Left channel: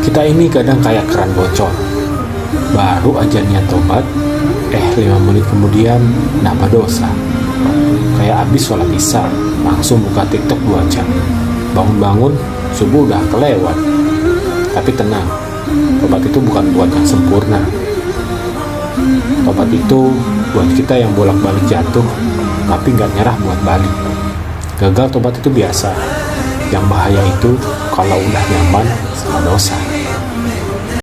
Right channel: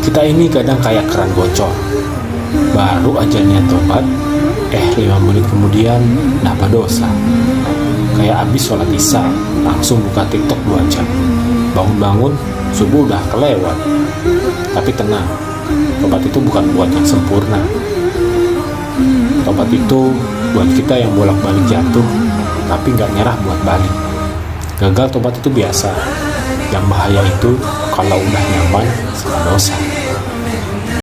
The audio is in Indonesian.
Kita ini kadang kayak keran bocor. Baru aja niat tobat, 5 menit kemudian nambah dosa. Kayak abis sholat isya, langsung buka TikTok 2 jam. Bangun-bangun, subuh udah kelewat. Tapi tenang, tobat itu bukan buat yang sempurna. Tobat itu buat kita yang bolak-balik jatuh, tapi nggak nyerah buat balik. Gagal tobat itu biasa. Yang bahaya itu kalau udah nyaman sama dosa.